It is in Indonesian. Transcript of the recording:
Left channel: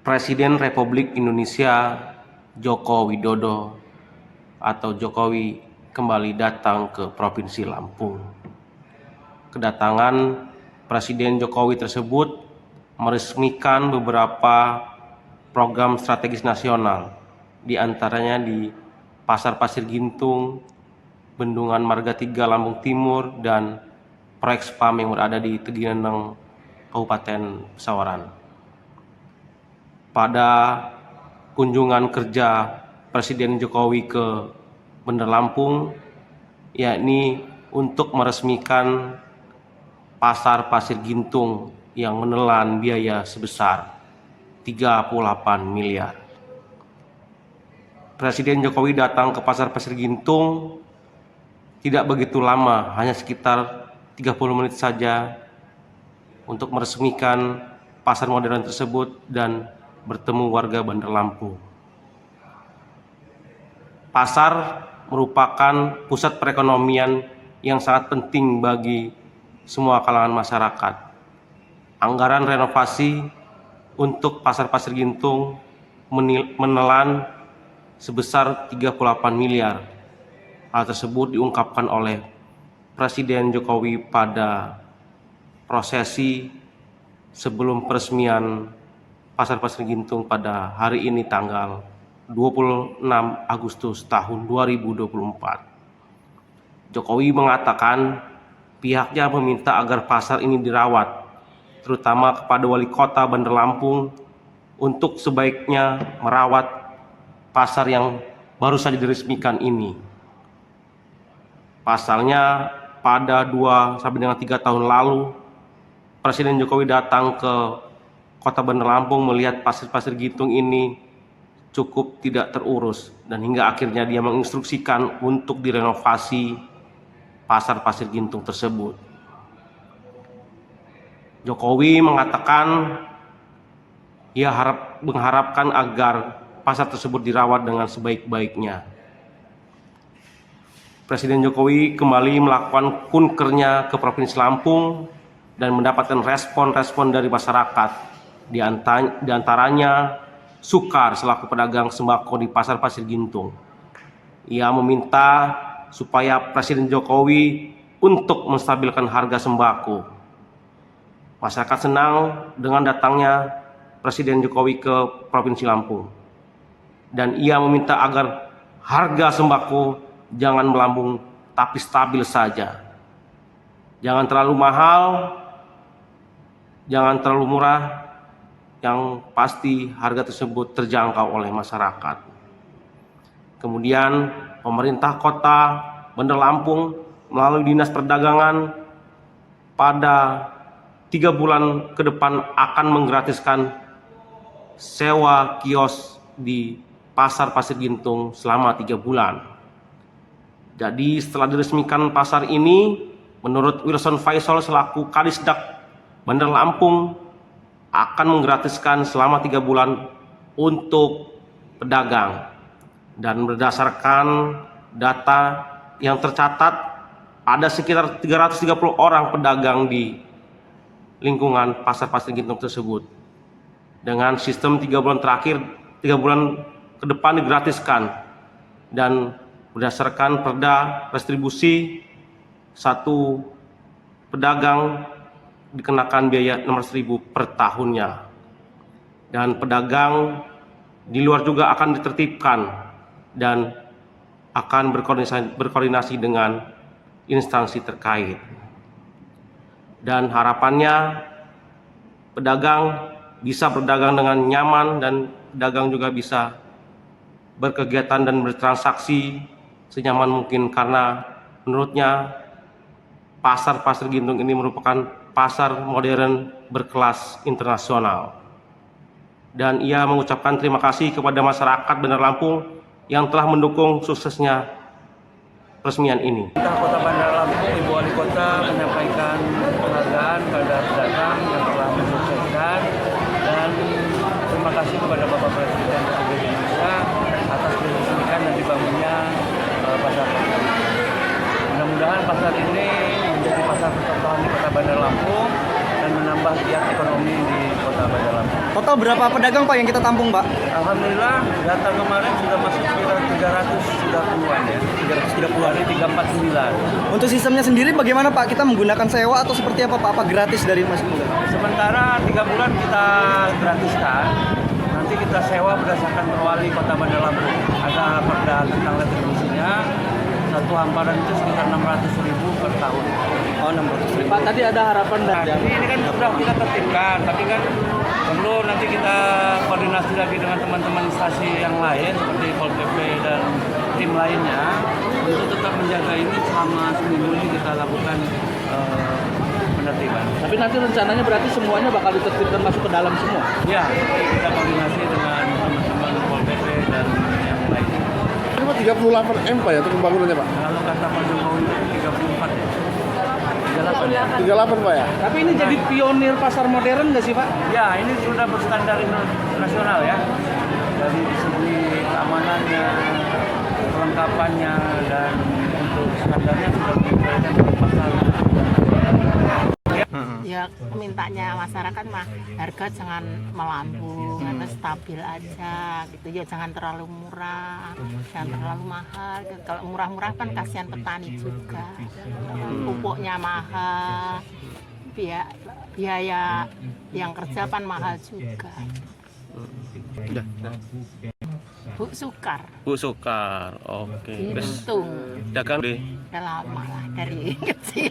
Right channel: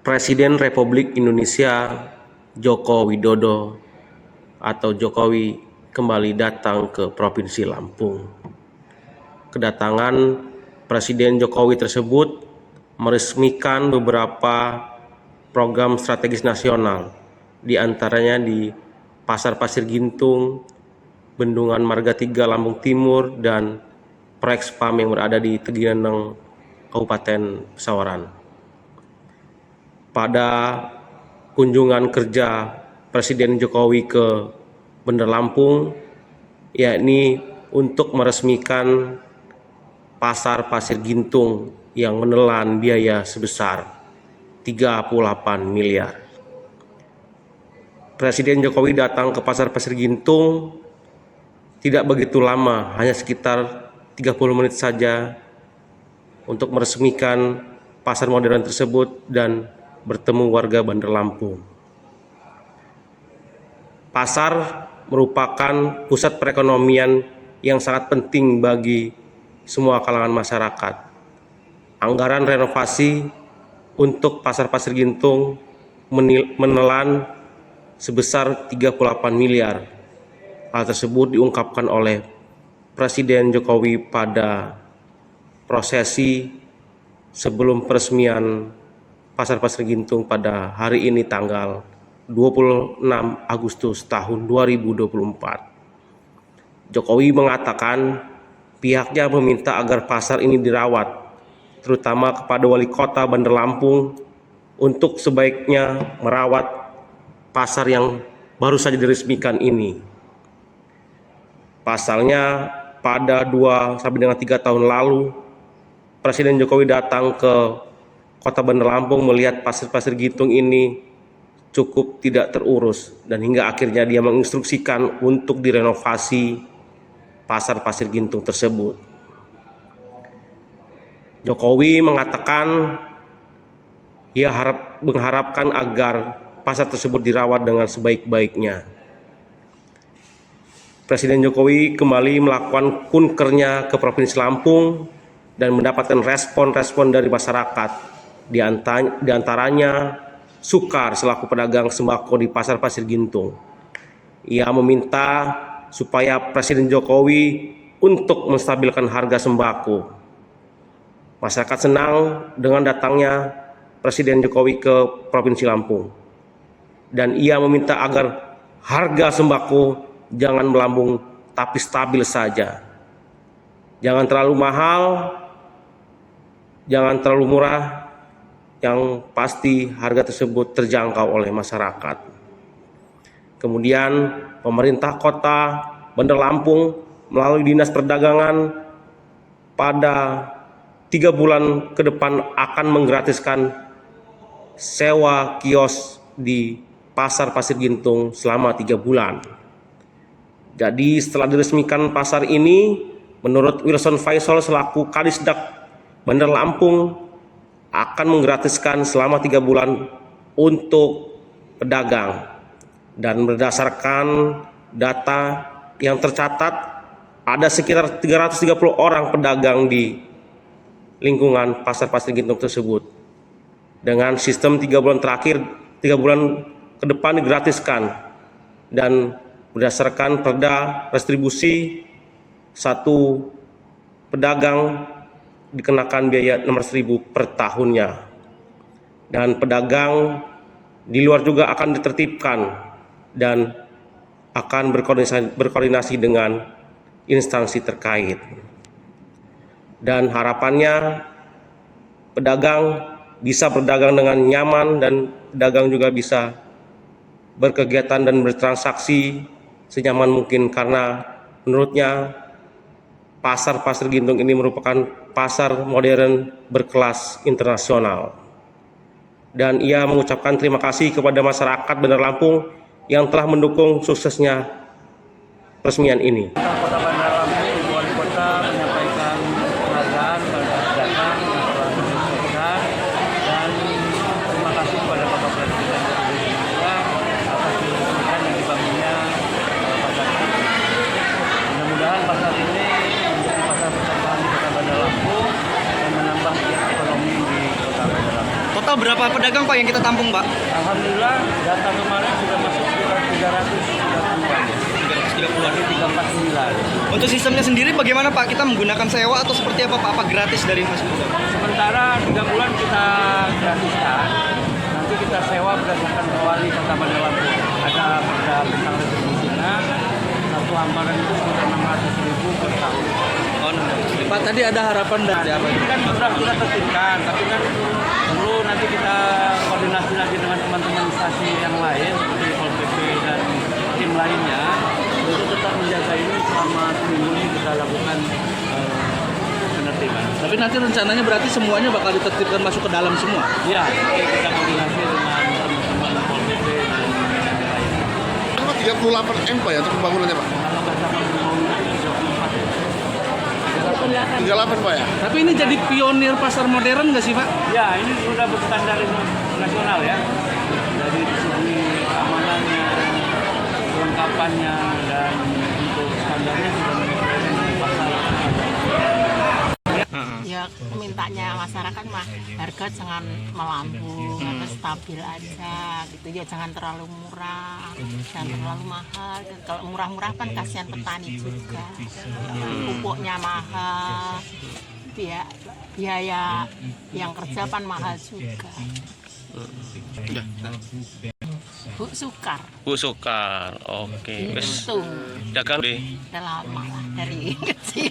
Presiden Republik Indonesia Joko Widodo atau Jokowi kembali datang ke Provinsi Lampung. Kedatangan Presiden Jokowi tersebut meresmikan beberapa program strategis nasional, di antaranya di Pasar Pasir Gintung, Bendungan Marga 3 Lampung Timur, dan proyek SPAM yang berada di Tegineneng, Kabupaten Pesawaran. Pada kunjungan kerja Presiden Jokowi ke Bandar Lampung, yakni untuk meresmikan Pasar Pasir Gintung yang menelan biaya sebesar 38 miliar. Presiden Jokowi datang ke Pasar Pasir Gintung tidak begitu lama, hanya sekitar 30 menit saja untuk meresmikan pasar modern tersebut dan bertemu warga Bandar Lampung. Pasar merupakan pusat perekonomian yang sangat penting bagi semua kalangan masyarakat. Anggaran renovasi untuk Pasar Pasir Gintung menelan sebesar 38 miliar. Hal tersebut diungkapkan oleh Presiden Jokowi pada prosesi sebelum peresmian Pasar Pasir Gintung pada hari ini tanggal 26 Agustus tahun 2024. Jokowi mengatakan pihaknya meminta agar pasar ini dirawat, terutama kepada Wali Kota Bandar Lampung untuk sebaiknya merawat pasar yang baru saja diresmikan ini. Pasalnya pada 2 sampai dengan 3 tahun lalu Presiden Jokowi datang ke Kota Bandar Lampung melihat pasir-pasir Gintung ini cukup tidak terurus, dan hingga akhirnya dia menginstruksikan untuk direnovasi Pasar Pasir Gintung tersebut. Jokowi mengatakan ia mengharapkan agar pasar tersebut dirawat dengan sebaik-baiknya. Presiden Jokowi kembali melakukan kunkernya ke Provinsi Lampung dan mendapatkan respon-respon dari masyarakat. Di antaranya Sukar selaku pedagang sembako di Pasar Pasir Gintung. Ia meminta supaya Presiden Jokowi untuk menstabilkan harga sembako. Masyarakat senang dengan datangnya Presiden Jokowi ke Provinsi Lampung, dan ia meminta agar harga sembako jangan melambung tapi stabil saja. Jangan terlalu mahal, jangan terlalu murah, yang pasti harga tersebut terjangkau oleh masyarakat. Kemudian pemerintah kota Bandar Lampung melalui Dinas Perdagangan pada 3 bulan ke depan akan menggratiskan sewa kios di Pasar Pasir Gintung selama 3 bulan. Jadi setelah diresmikan pasar ini, menurut Wilson Faisal selaku Kadisdak Bandar Lampung, akan menggratiskan selama 3 bulan untuk pedagang. Dan berdasarkan data yang tercatat, ada sekitar 330 orang pedagang di lingkungan Pasar Pasir Gintung tersebut. Dengan sistem 3 bulan terakhir, 3 bulan ke depan digratiskan. Dan berdasarkan perda restribusi, satu pedagang dikenakan biaya 600.000 per tahunnya, dan pedagang di luar juga akan ditertibkan dan akan berkoordinasi dengan instansi terkait. Dan harapannya pedagang bisa berdagang dengan nyaman, dan pedagang juga bisa berkegiatan dan bertransaksi senyaman mungkin, karena menurutnya Pasar Pasir Gintung ini merupakan pasar modern berkelas internasional. Dan ia mengucapkan terima kasih kepada masyarakat Bandar Lampung yang telah mendukung suksesnya peresmian ini. Kota Bandar Lampung, Ibu Wali Kota menyampaikan penghargaan pada pedagang yang telah menyelesaikan, dan terima kasih kepada Bapak Presiden Republik Indonesia atas diresmikan dan dibangunnya pasar pasir. Mudah-mudahan pasar ini menjadi pasar percontohan di Kota Bandar Lampung, dan dan menambah giat ekonomi di Kota Bandar Lampung. Total berapa pedagang Pak yang kita tampung Pak? Alhamdulillah data kemarin sudah masuk sekitar 330-an ya. 330-an. 349. Untuk sistemnya sendiri bagaimana Pak? Kita menggunakan sewa atau seperti apa Pak? Apa gratis dari Mas Muda? Sementara 3 bulan kita gratiskan. Nanti kita sewa berdasarkan perwali Kota Bandar Lampung. Ada perda tentang retribusinya. Satu hamparan itu sekitar 600.000 per tahun. Oh, 600.000. Pak, tadi ada harapan Nah, dari apa? ini kan sudah kita tertibkan, tapi kan perlu nanti kita koordinasi lagi dengan teman-teman instansi yang lain seperti Pol PP dan tim lainnya untuk tetap menjaga ini selama seminggu ini kita lakukan penertiban. Tapi nanti rencananya berarti semuanya bakal ditertibkan masuk ke dalam semua. Ya, kita koordinasi dengan teman-teman Pol PP dan yang lainnya. Cuma 38 M Pak ya untuk pembangunannya Pak? Kalau kata Pak Jokowi itu 34. 38 Pak ya? Tapi ini jadi pionir pasar modern nggak sih Pak? Ya, ini sudah berstandar internasional ya. Dari segi keamanannya, kelengkapannya, dan untuk standarnya sudah menyesuaikan dengan pasar. Ya mintanya masyarakat mah harga jangan melambung atau stabil aja gitu ya, jangan terlalu murah, jangan terlalu mahal. Kalau murah-murah kan kasihan petani juga, pupuknya mahal, biaya yang kerja kan mahal juga. Bu Sukar, Bu Sukar, oke. Wes untung dagang deh. udah lama lah dari kecil.